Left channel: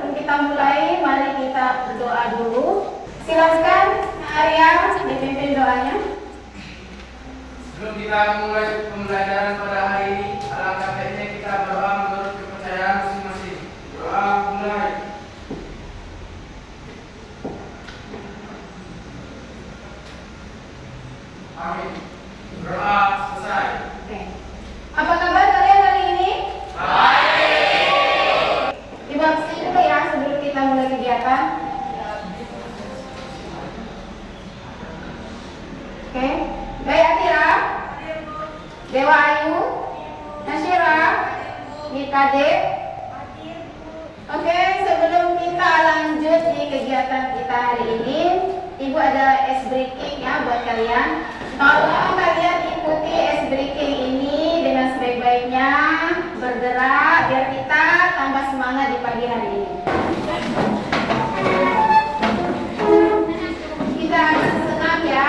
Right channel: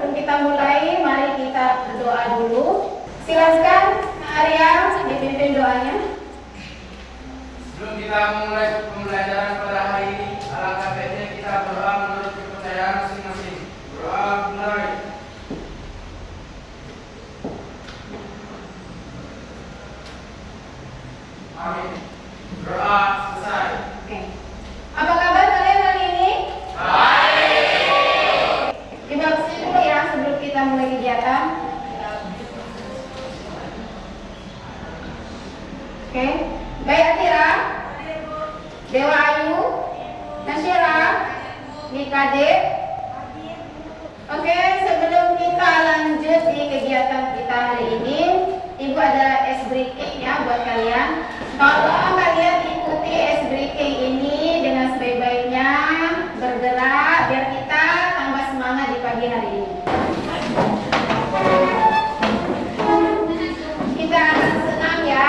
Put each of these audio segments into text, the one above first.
sebelum kita mulai, mari kita berdoa dulu. Silakan Arya dipimpin doanya. Sebelum kita mulai pembelajaran pada hari ini, alangkah baiknya kita berdoa menurut kepercayaan masing-masing. Doa mulai. Amin. Doa selesai. Oke. Apa kabar kalian hari ini? Baik. Coba kesini dulu ya sebelum kita mulai kegiatan. Oke. Gaya Atira, Dewa Ayu, Nasyira, Nikade. Oke, sebelum kita lanjut di kegiatan kita hari ini, Ibu ada ice breaking ya buat kalian. Kalau kalian ikuti ice breaking ini dengan sebaik-baiknya, bergerak biar kita tambah semangat di pagi hari ini. Kita akan senam ya.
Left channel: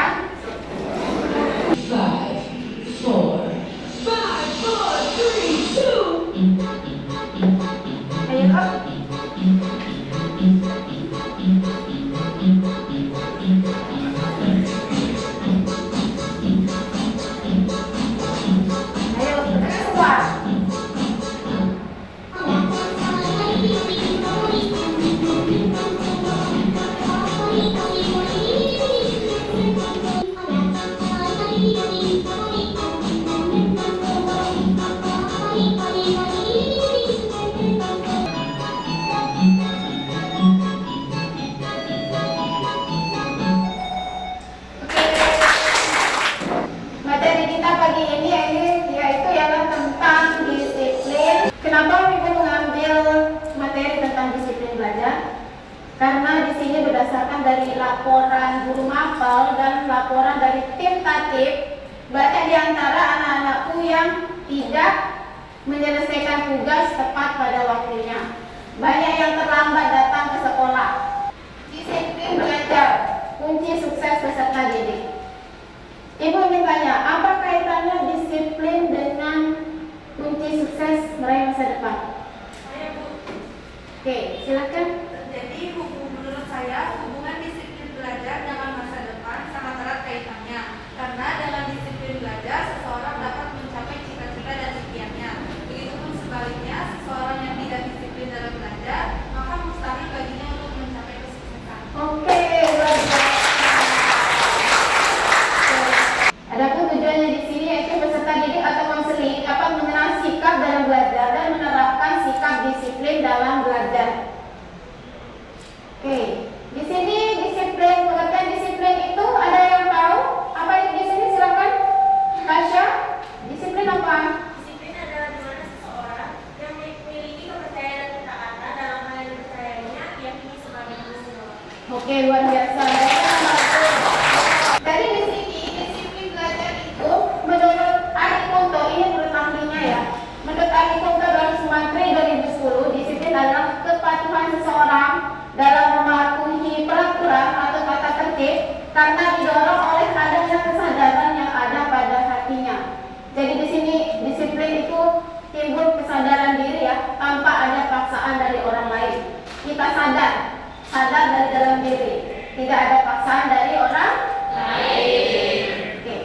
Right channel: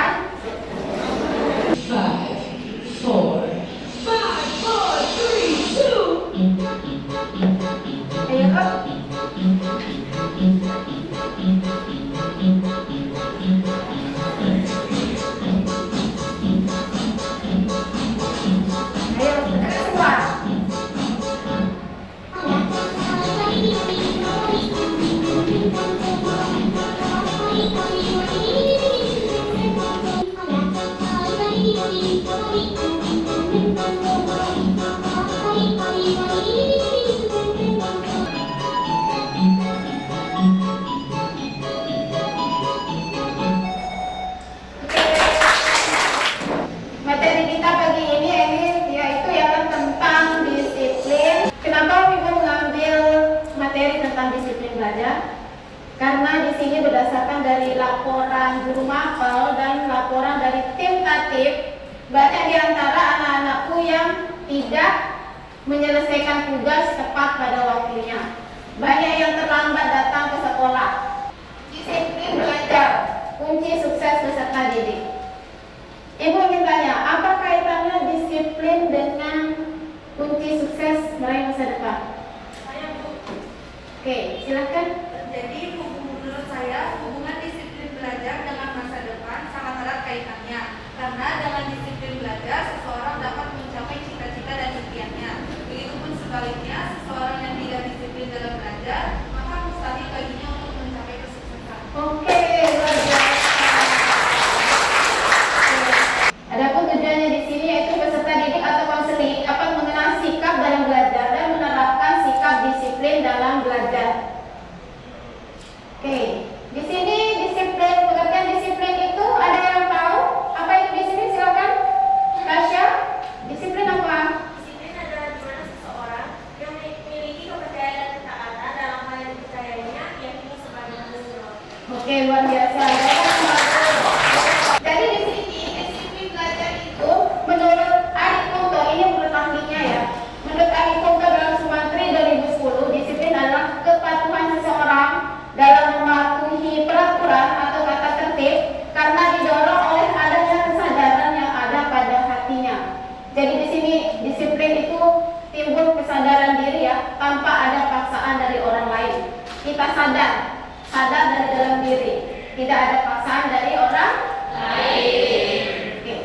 5, 4, 3, 2. Ayo. Ayo, bergerak semua. Materi kita pagi ini yaitu yang tentang disiplin. Kenapa Ibu mengambil materi tentang disiplin belajar? Karena di sini berdasarkan dari laporan guru mapel dan laporan dari tim tatip, banyak di antara anak-anakku yang tidak menyelesaikan tugas tepat pada waktunya. Banyak yang terlambat datang ke sekolah. Disiplin belajar, kunci sukses peserta didik. Ibu ingin tanya, apa kaitannya disiplin dengan kunci sukses meraih masa depan? Saya Bu. Oke, silakan. Jadi menurut saya hubungan disiplin belajar dengan masa depan sangat erat kaitannya. Karena dengan disiplin belajar seseorang dapat mencapai cita-cita dan impiannya. Begitupun sebaliknya, seseorang yang tidak disiplin dalam belajar maka mustahil baginya untuk mencapai kesuksesan. Oke, luar biasa. Adapun tujuannya di sini yaitu peserta didik atau konseling dapat mengenal sikap dalam belajar dan menerapkan sikap disiplin dalam belajar. Oke, di sini disiplin, pengertian disiplin itu ada yang tahu? Apa itu disiplin? Silakan. Tasya, disiplin apa? Disiplin adalah di mana seseorang yang memiliki kepercayaan dan ketaatan dalam hal yang dipercayainya diyakini sebagai benar. Oke, luar biasa. Jadi di sini disiplin belajar itu menurut Ari Kunto, ini menurut ahlinya ya. Menurut Ari Kunto dalam Sumantri 2010, disiplin adalah kepatuhan seseorang dalam mematuhi peraturan atau tata tertib karena didorong oleh adanya kesadaran yang ada pada hatinya. Jadi di sini disiplin itu timbul kesadaran diri ya, tanpa ada paksaan dari orang lain. Kita sadar dari dalam diri, tidak ada paksaan dari orang lain. Oke.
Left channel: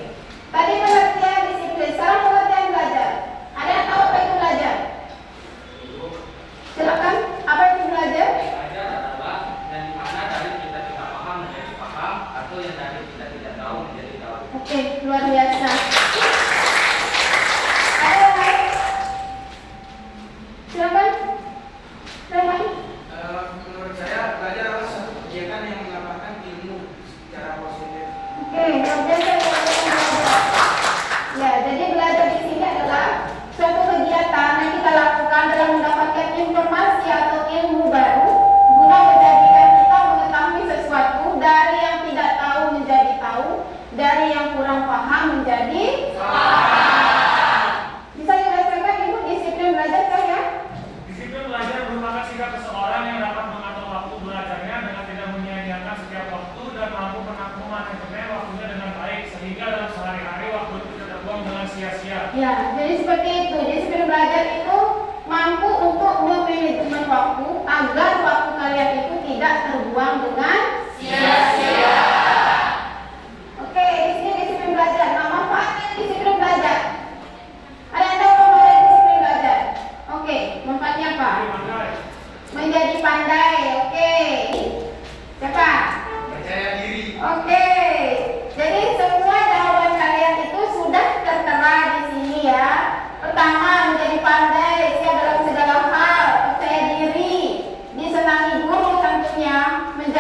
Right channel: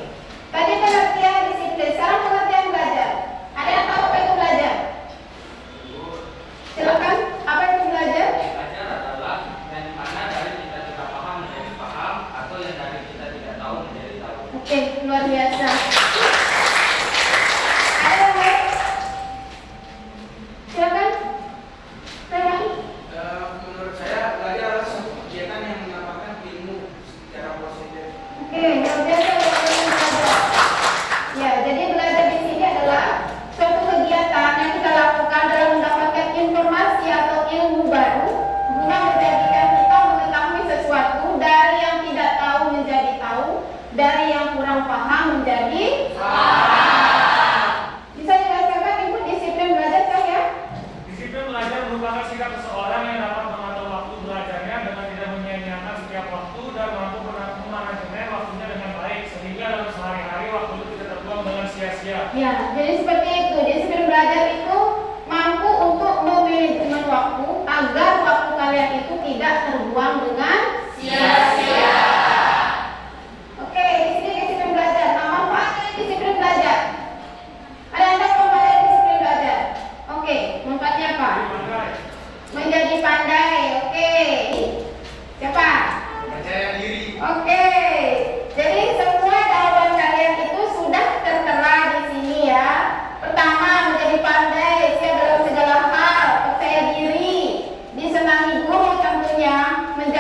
Tadi pengertian disiplin, sekarang pengertian belajar. Ada yang tahu apa itu belajar? Silakan, apa itu belajar? Belajar adalah yang mana dari kita paham menjadi paham atau yang dari kita tidak tahu menjadi tahu. Oke, luar biasa. Ada yang lain? Silakan. Menurut saya belajar adalah suatu kegiatan yang mendapatkan ilmu secara positif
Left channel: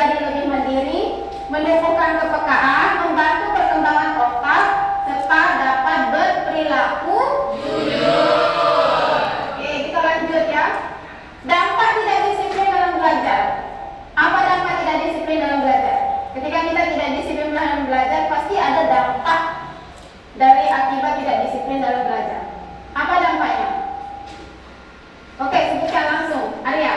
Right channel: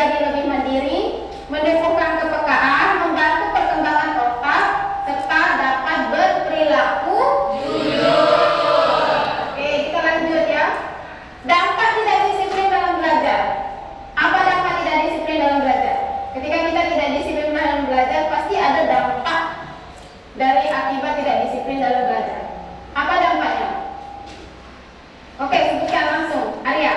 menjadi lebih mandiri, menumbuhkan kepekaan, membantu perkembangan otak, serta dapat berperilaku jujur. Oke, kita lanjut ya. Dampak tidak disiplin dalam belajar. Apa dampak tidak disiplin dalam belajar? Ketika kita tidak disiplin dalam belajar, pasti ada dampak dari akibat tidak disiplin dalam belajar. Apa dampaknya? Oke, sebutkan langsung. Arya.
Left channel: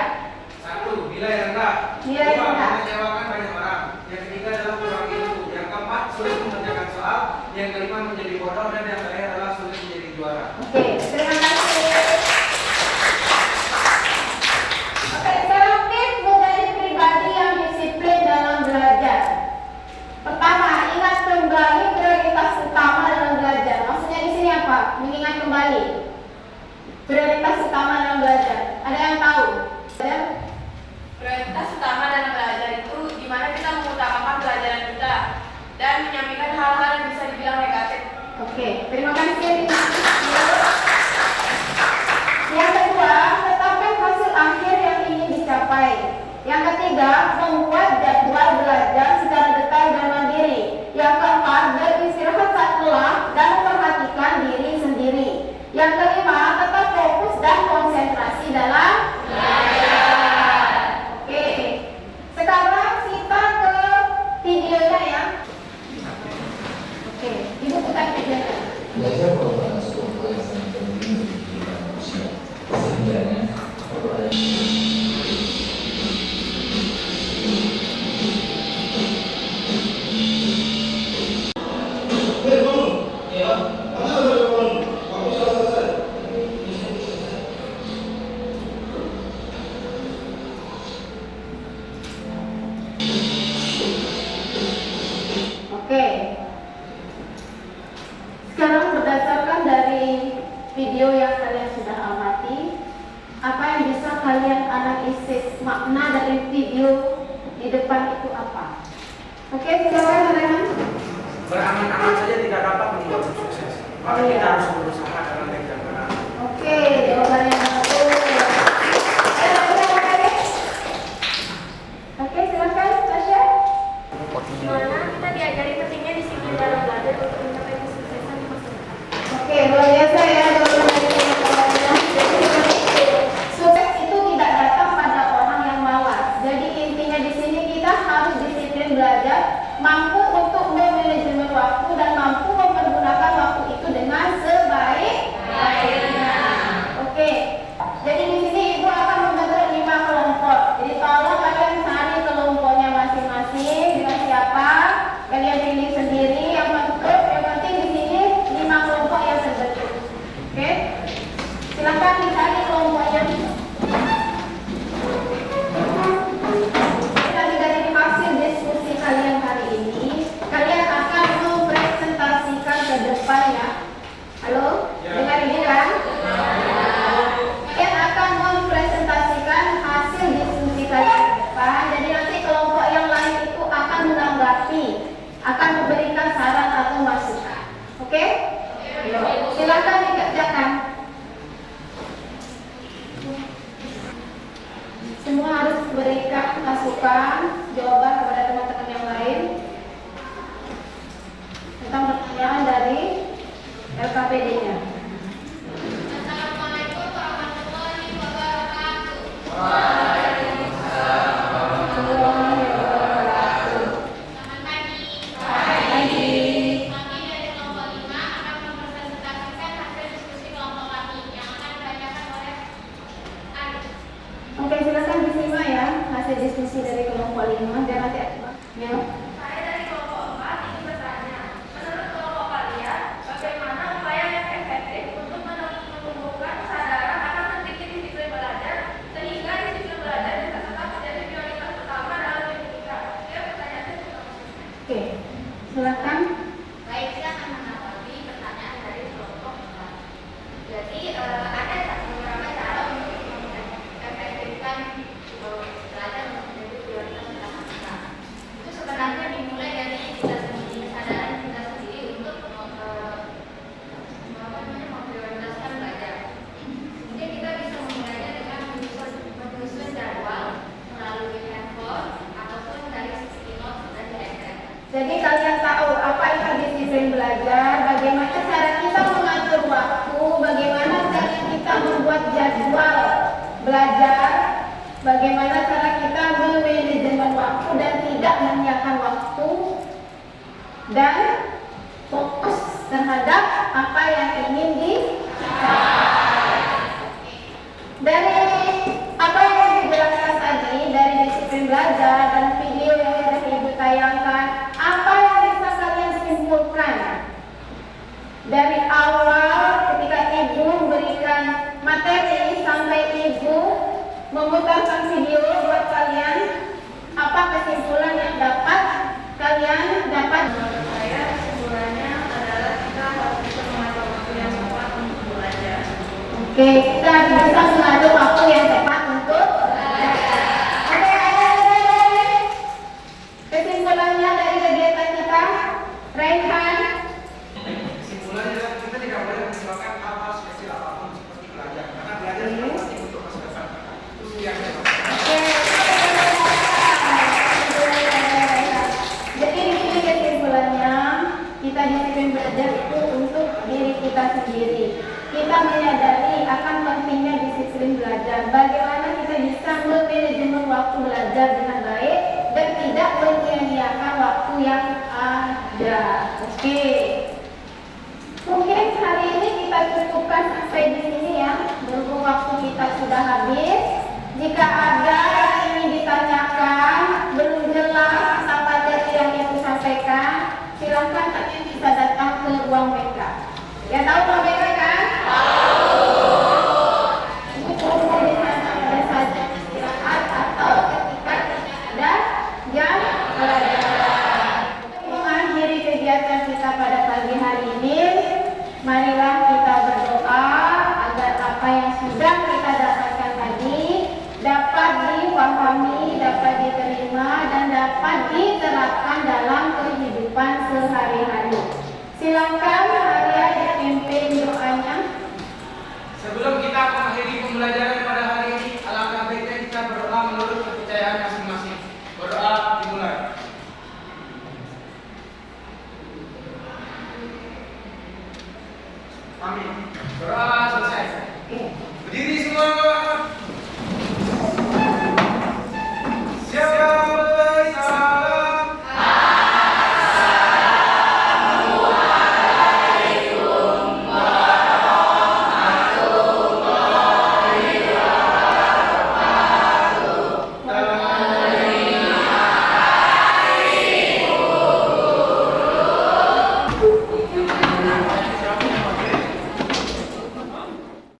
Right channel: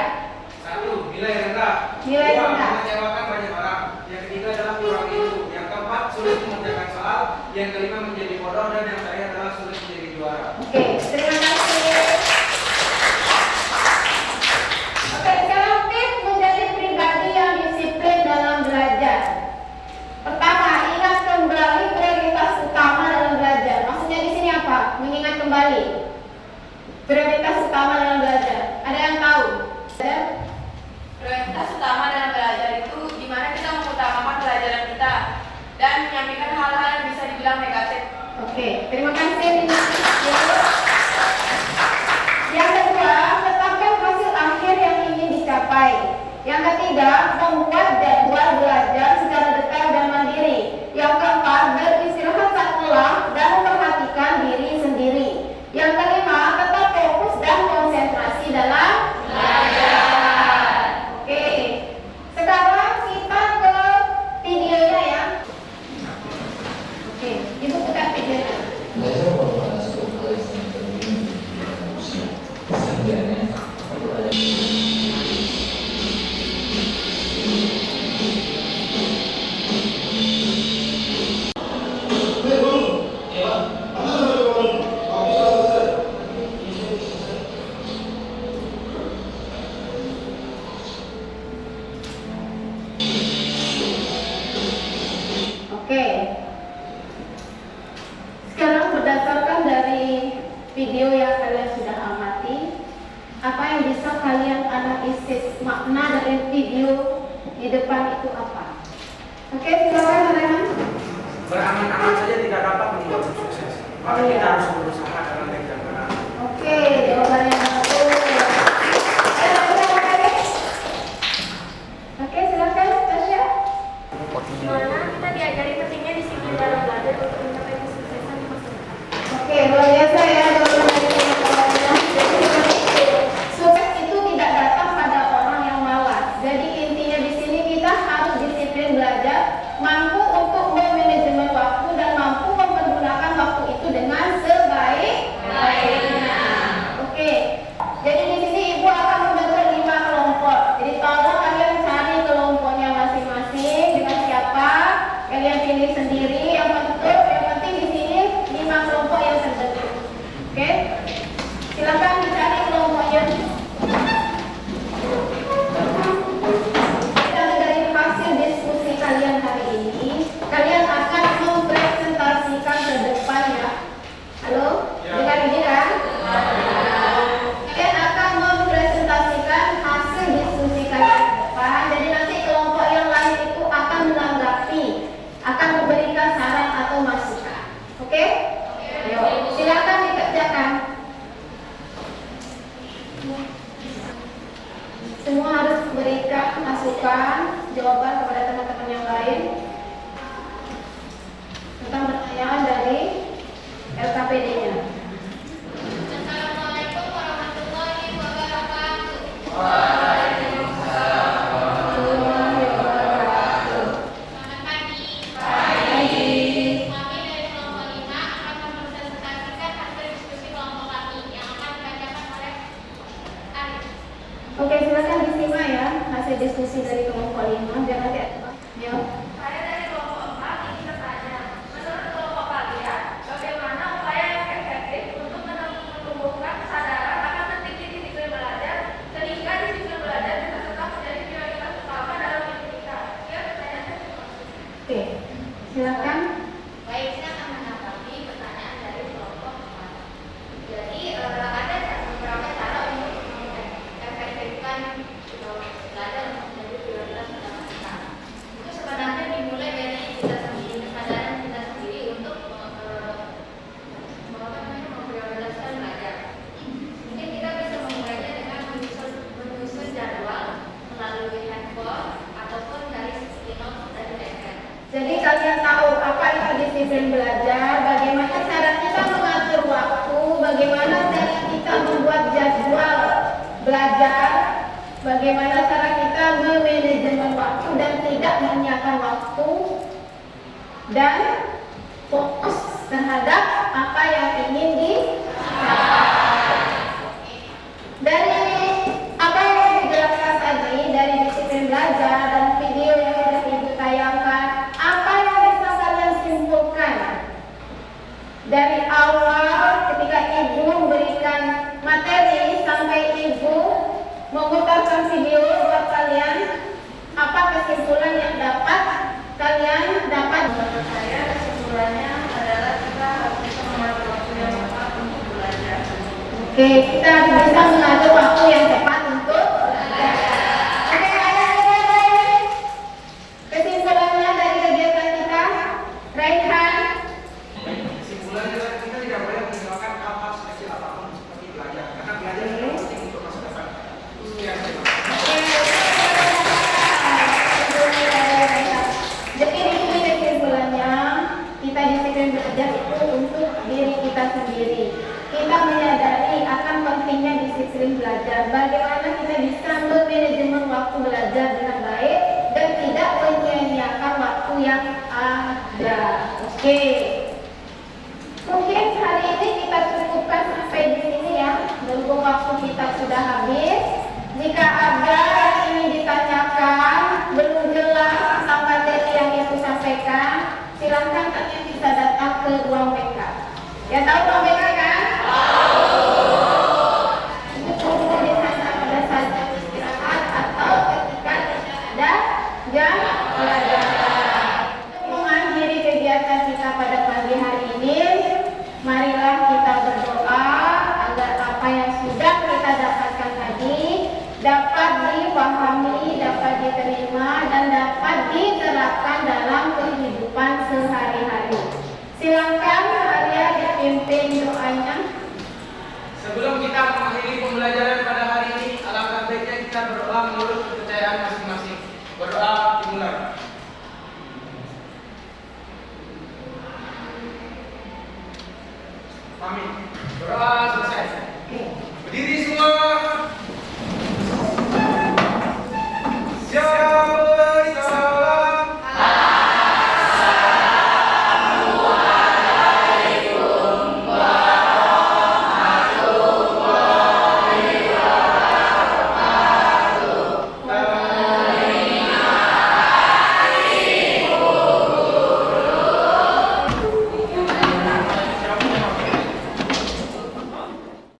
1. Nilai rendah. Nilai 2. rendah. Mengecewakan banyak orang. Yang ketiga adalah kurang ilmu. Yang keempat, sulit mengerjakan soal. Yang kelima, menjadi bodoh. Dan yang terakhir adalah sulit menjadi juara. Oke, terima kasih. Oke, sekarang tips menjadi pribadi yang disiplin dalam belajar. Pertama, ingat kembali prioritas utama dalam belajar. Maksudnya di sini apa? Mengingat kembali prioritas utama dalam belajar. Ada yang tahu? Prioritas utama dalam belajar itu di mana kita mengutamakan pelajaran kita dan menyampaikan hal-hal yang bisa dibilang negatif. Oke, terima kasih. Yang kedua, tetapkan hasil akhir yang ingin dicapai. Yang ketiga, membuat jadwal belajar secara detail dan mandiri. Yang keempat, beristirahat saat lelah dan memperhatikan diri sendiri. Yang kelima, tetap fokus dan konsentrasi dalam belajar. Oke, sekarang kita ke videonya ya. Oke, ibu buka videonya. Belajar merupakan suatu hal yang sangat penting bagi kehidupan manusia. Sehingga Oke. Sekarang berdasarkan dari video yang kalian sudah amati, apa yang bisa kalian analisis makna dari video di depan itu apa? Oke, silakan Rehan. Berangan-angan saja tidak dapat membuat sukses. Maka kita harus berusaha dengan baik dan benar. Oke, jawabannya bagus. Oke, silakan Tasya. Dimana kita diajari pentingnya disiplin dalam belajar untuk mencapai kesuksesan di masa depan. Oke, luar biasa ya jawaban dari teman-temannya. Sukses itu tidak datang pada orang yang malas. Jadi intinya di sini kita harus disiplin belajar, mampu untuk memanajemen waktu dan mampu mempergunakan waktu itu dengan sebaik-baiknya. Oke, jadi di sini ibu akan membentuk 5 kelompok. Jadi tolong kalian cari kelompoknya masing-masing dengan siapa, kalian pilih sendiri yang bentuk. Yang penting di sini 5 kelompok yang terbentuk. Oke, silakan dicari kelompoknya. Dan dari hasil diskusi kalian hari ini, kalian akan mempresentasikan ke depan ya. Halo, dengar ini kan? Kalian akan mempresentasikan hasil diskusi kalian ke depan. Jadi nanti kelompok yang lain itu akan menanggapi, akan memberikan saran atau masukan. Oke? Ayo, silakan dikerjakan. Semua harus berikan masukan, jawaban kepada teman-teman yang lain tentang pertanyaan dari LKPD-nya. Assalamualaikum warahmatullahi wabarakatuh. Selamat pagi. Kami dari kelompok 5 akan mempresentasikan hasil diskusi kelompok kami yang akan dibacakan oleh Arif. Oke, silakan disimak ya hasil diskusi dari kelompok 5. Biar nanti ya. Saya dari kelompok 4 ingin bertanya, menurut kelompok kalian, bagaimana upaya yang efektif untuk menumbuhkan kesadaran akan pentingnya disiplin belajar sehingga disiplin belajarnya tetap menjadi prioritas utama dalam hidup kita? Ya, pertanyaannya seperti itu. Oke, silakan. Baik, kita akan menanggapi pertanyaan dari kelompok 4. Jadi ada beberapa cara untuk mengefektifkan belajar untuk menjadi prioritas utama kita. Itu sebenarnya dimulai dari kita sendiri, kesadaran kita sendiri untuk memprioritaskan belajar. Mungkin kita bisa memulainya dengan menyusun jadwal melalui handphone ataupun dari Jadi kalian tahu apa itu disiplin belajar, bagaimana cara kita mengatur waktu, bagaimana cara kita membuat jadwal belajar, bagaimana cara kita memanajemen waktu dan tidak menyiapkan waktu, dan